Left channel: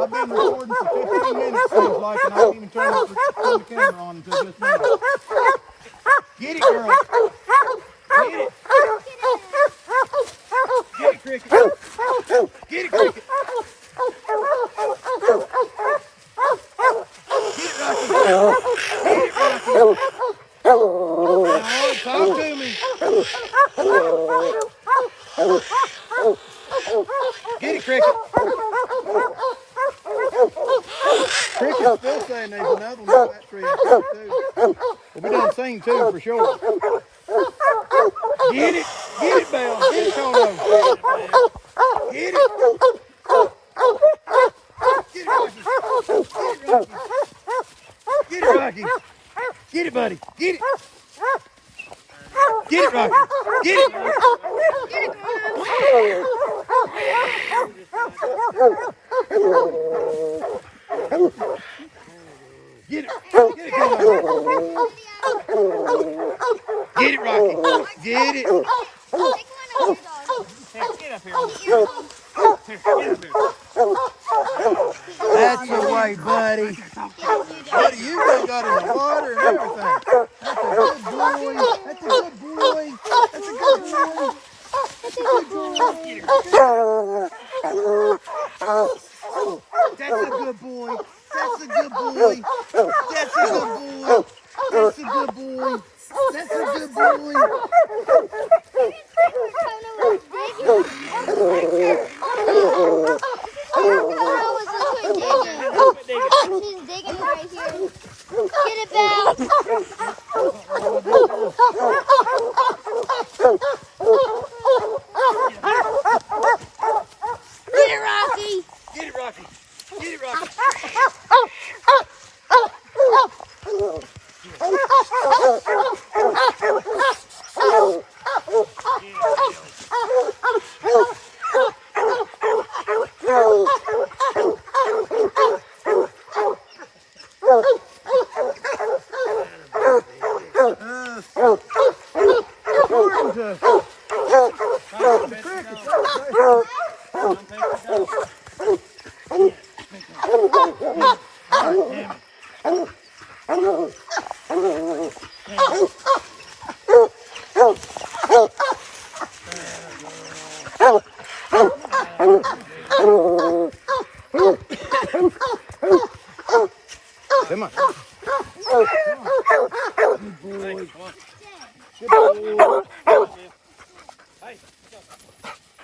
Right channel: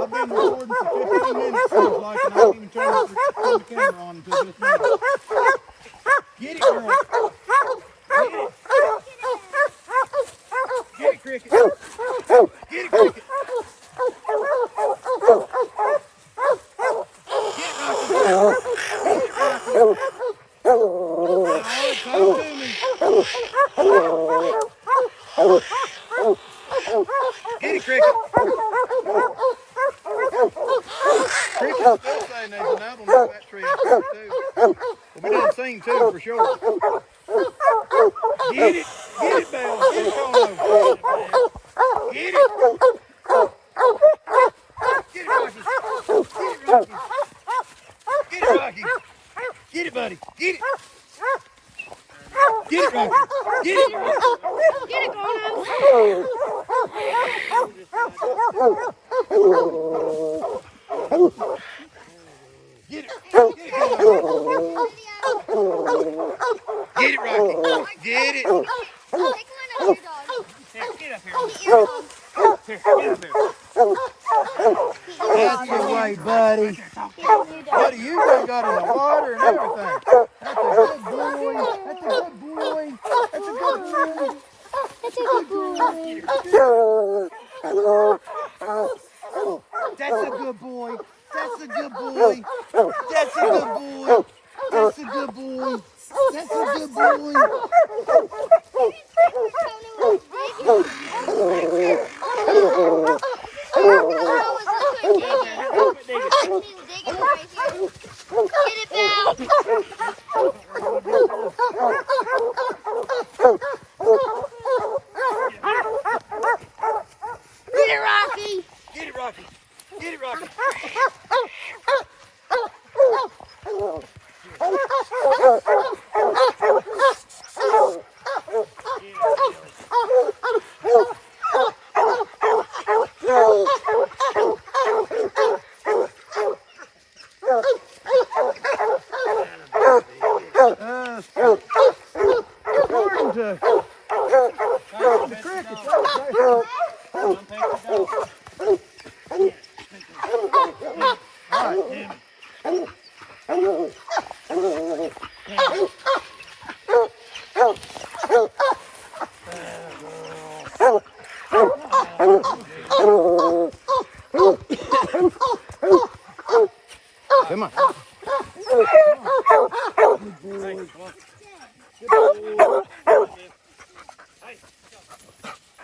I've been recording for 15 minutes, seems like, and I didn't even turn the camera on until just now. Get it, girl. Get it. Get it, Cricket. Get it, Cricket. Get it, Rocky. Get it, Rocky. Talk to me. Get it, Cricket. Cricket's still saying there's another one in that tree too. We done seen two for sure. Get it, Belle. Get it, Toto. Get it. Get it, Rocky. Get it, Rocky. Get it, Rocky. Get it, buddy. Get it. Get it, Rocky. Get it. Get it, Grandma. Get it. Get it, Get it, Rocky. Get it. Take one of your dogs. Get up here. Get up here. That's the way, buddy. Buddy, you done got in the water and everything. That's a good boy. That's a good boy. That's a good boy. That's a good boy. That's a good boy. That's a good boy. That's a good boy. That's a good boy. Digging right here. Get it back. Get it, Rocky. Get it, Rocky. Get it, Rocky. Come on. Good boy.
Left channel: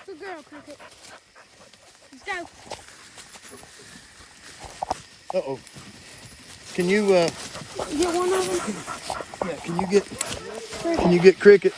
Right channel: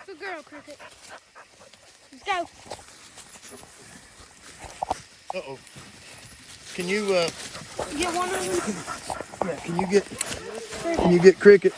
Good girl, Cricket. Go. Uh-oh. Can you Get one of them. can you get Cricket?